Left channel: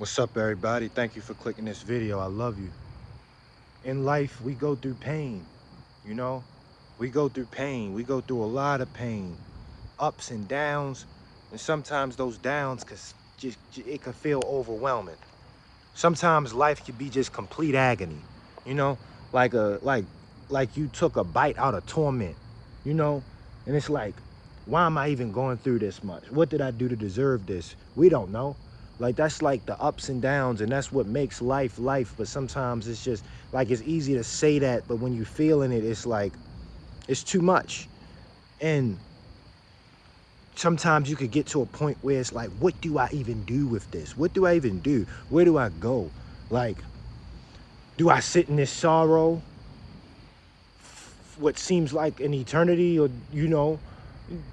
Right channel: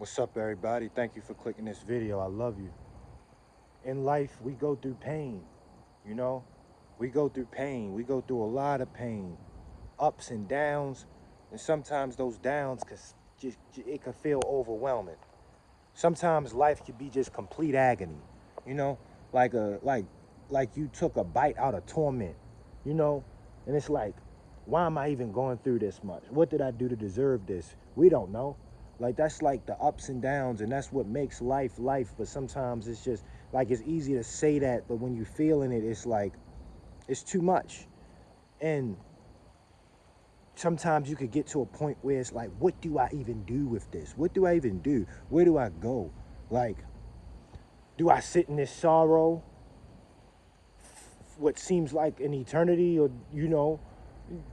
What's up, everybody? Thank you for clicking this video. I love you. In life, we go through pain, you know? We go through pain. We go through a lot of pain, ups and downs, and sometimes those downs it can feel overwhelming. Sometimes life can be just complete agony, you know? Like a like you took a bite out of torment, you know? And it's like, why am I even going through this much? What did I do to deserve this? We don't know. Like that's like the ups and downs, and that's what makes life life. But sometimes it's just like it's easy to say that, but when you're feeling it, it's like it's too much. And sometimes you could get to a point where it's like, what do I even do with this? What do I even do? Where do I go? Like, do I sit in this sorrow what seems like an eternity, or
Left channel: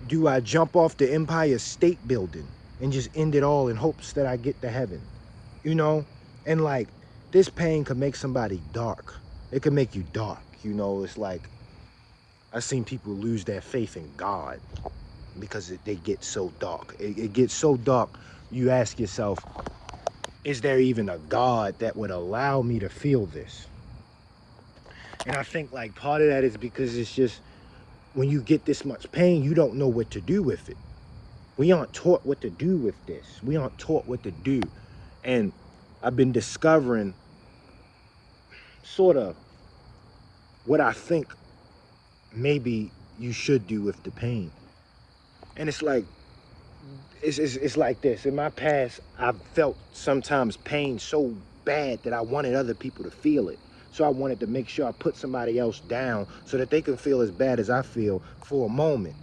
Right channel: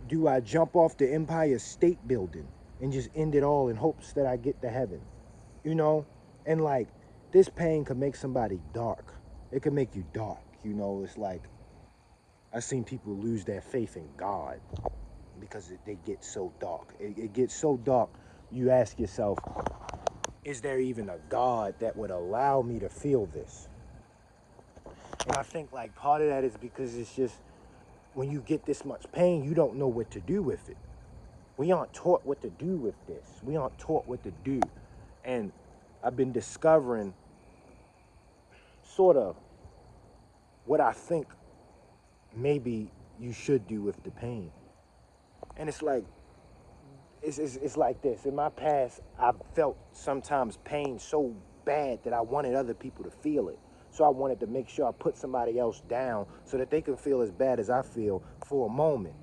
do I jump off the Empire State Building and just end it all in hopes that I get to heaven? you know and like, this pain could make somebody dark. It could make you dark. It's like, I've seen people lose their faith in God because they get so dark. It gets so dark, you ask yourself, is there even a God that would allow me to feel this? And I think like part of that is because it's just, when you get this much pain, you don't know what to do with it. We aren't taught what to do with this. We aren't taught what to do. And I've been discovering sort of what I think maybe you should do with the pain. And it's like, it's like this. In my past, I've felt sometimes pain so bad that I wanted other people to feel it. So I wanted to make sure I put somebody else down so that they can feel as bad as I feel for a moment.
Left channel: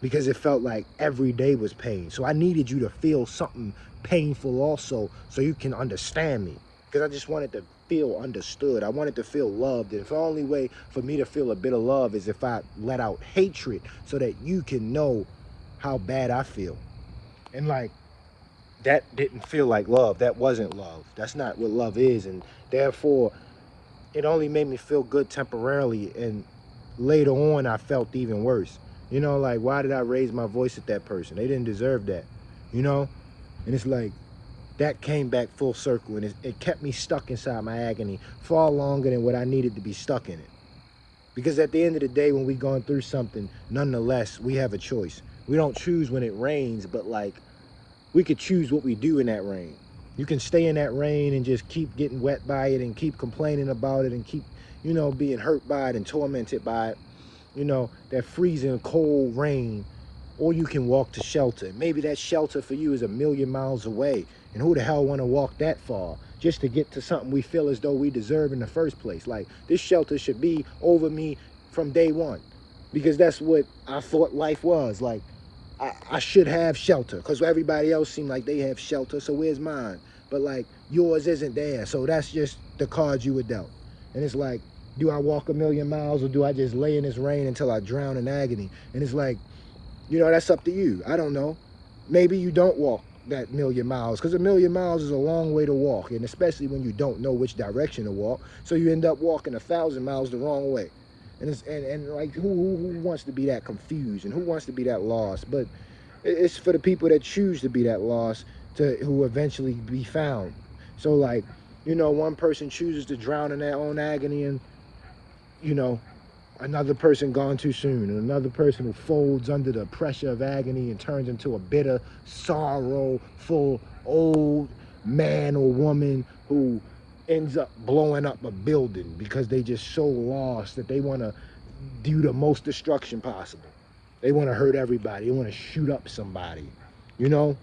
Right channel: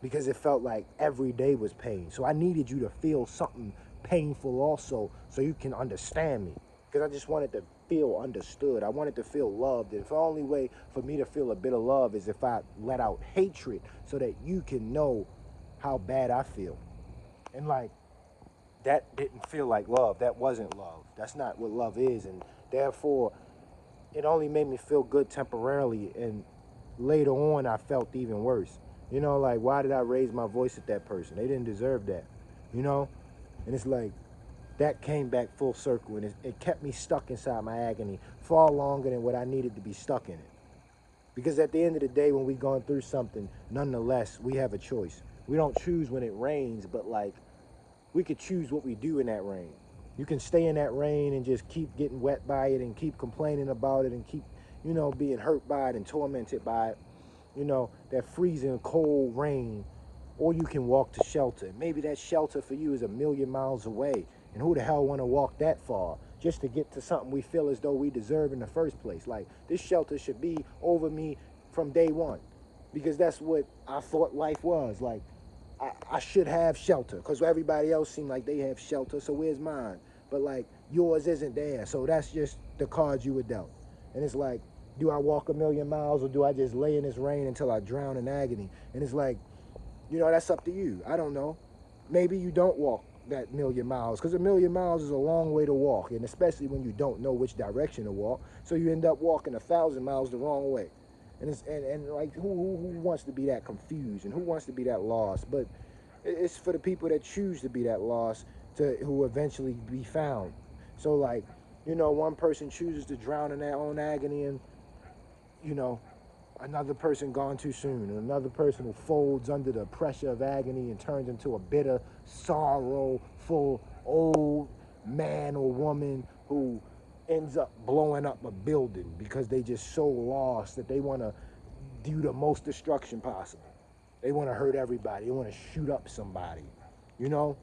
Because it felt like every day was pain. So I needed you to feel something painful also so you can understand me. Because I just wanted to feel understood. I wanted to feel loved. And the only way for me to feel a bit of love is if I let out hatred so that you can know how bad I feel. And like, that didn't feel like love. That wasn't love. That's not what love is. And therefore, it only made me feel good temporarily. And later on, I felt even worse. Like, why did I raise my voice at that person? They didn't deserve that, you know? And it's like, that came back full circle, and it kept me stuck inside my agony far longer than what I needed to be stuck in it. Because at the end of the day, when we're going through something, nonetheless, we have a choice. We don't choose when it rains, but like, we could choose what we do in that rain. You can stay in that rain and just keep getting wet by it and keep complaining about it and keep, being hurt by it and tormented by it. That freezing cold rain, or you can walk to shelter. Maybe that shelter for you is a million miles away. And who the hell want to walk that far just to get to something we feel as though we deserve in the first place? Like, this shelter should be over me from day one, because that's what I thought life was. Like, I should have shelter because everybody else seemed like they have shelter. So where's mine? But like, yours isn't there. So that's just the cards you were dealt. And it's like, do I walk a million miles, or do I just lay in this rain until I drown in agony? And it's like, that's up to you. I don't know. Maybe you don't walk that million miles, because a million miles is a long way to walk, and especially when you don't know which direction to walk. So you end up walking 1,000 miles the wrong way. And and like, who wants to be that confused, and who wants to be that lost? But it's for the people that choose to be that lost, to who eventually be found. So like, one person chooses to drown in their own agony, and you know, another person gone too soon, and another person who folds under the pressure of agony and turns into a bitter, sorrowful old man or woman who ends up blowing up a building because they just so lost that they want to do the most destruction possible. They want to hurt everybody. They want to shoot up somebody, you know?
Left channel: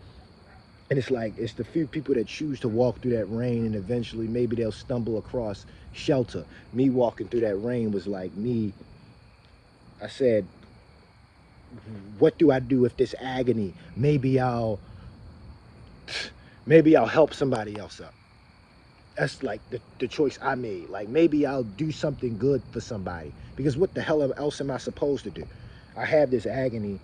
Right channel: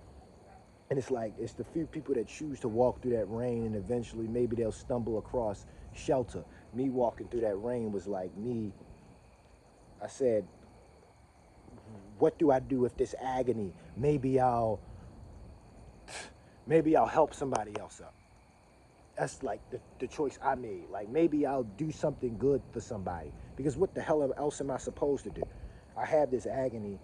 And it's like, it's the few people that choose to walk through that rain, and eventually maybe they'll stumble across shelter. Me walking through that rain was like me. I said, what do I do with this agony? Maybe I'll help somebody else up. That's like the choice I made. Like, maybe I'll do something good for somebody. Because what the hell else am I supposed to do? I have this agony.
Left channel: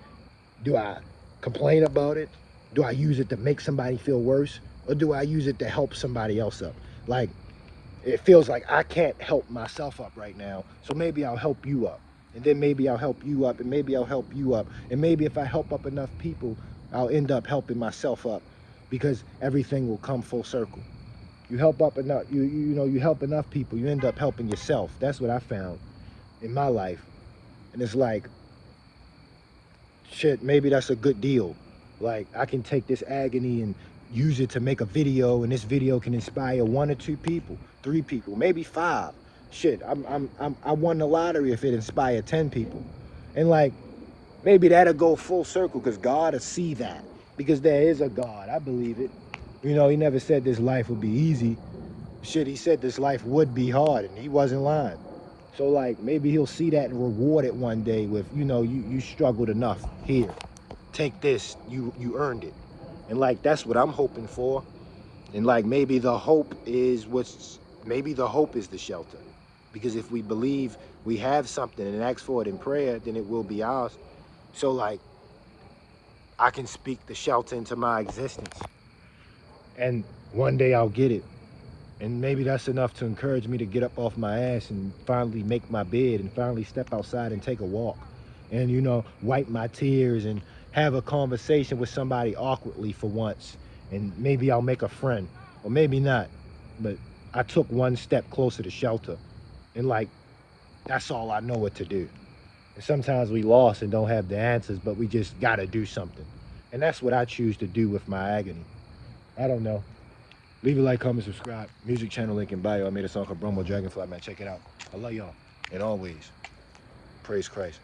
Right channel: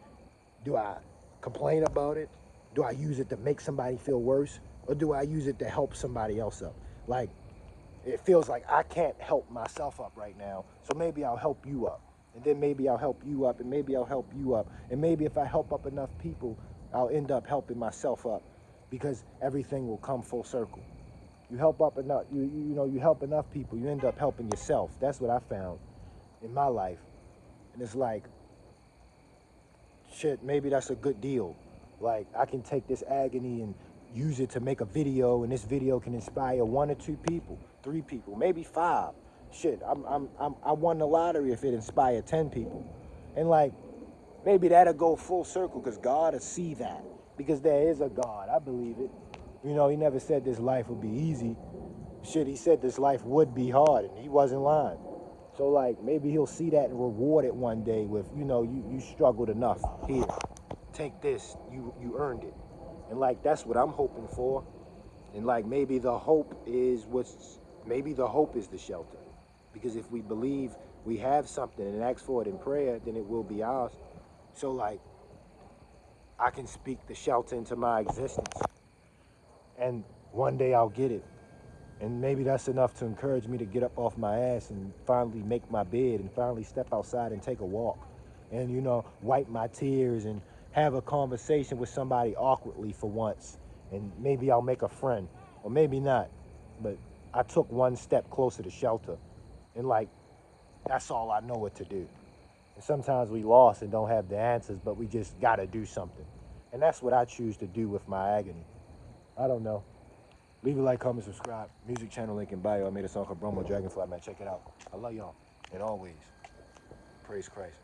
Do I complain about it? Do I use it to make somebody feel worse? Or do I use it to help somebody else up? Like, it feels like I can't help myself up right now. So maybe I'll help you up. And then maybe I'll help you up. And maybe I'll help you up. And maybe if I help up enough people, I'll end up helping myself up. because everything will come full circle. You help up enough, you help enough people, you end up helping yourself. That's what I found in my life. And it's like, shit, maybe that's a good deal. Like, I can take this agony and use it to make a video, and this video can inspire 1 or 2 people, 3 people, maybe 5. Shit, I won the lottery if it inspired 10 people. And like, maybe that'll go full circle because God will see that. Because there is a God. I believe it. He never said this life would be easy. Shit, he said this life would be hard, and he wasn't lying. So like, maybe he'll see that and reward it one day with, you struggled enough. Here, take this. You earned it. And like, that's what I'm hoping for. And like, maybe the hope is the shelter. Because if we believe we have something and ask for it in prayer, then it will be ours. So like, I can speak the shelter into my existence. And one day I'll get it. And maybe that's enough to encourage me to get up off my ass and finally make my bed and finally step outside and take a walk. And, wipe my tears and have a conversation with somebody awkwardly for once. And maybe I'll make a friend. Or maybe not. But I took one step closer to shelter. And like, that's all I know what to do. And sometimes we lost and don't have the answers, but we just gotta do something. And that's what I choose to do with my agony. I don't know. Leave a like, comment, subscribe. Music channel link in bio. I made a song called Brumbo Dragonfly, man. Check it out. I love y'all. And always, praise Christ.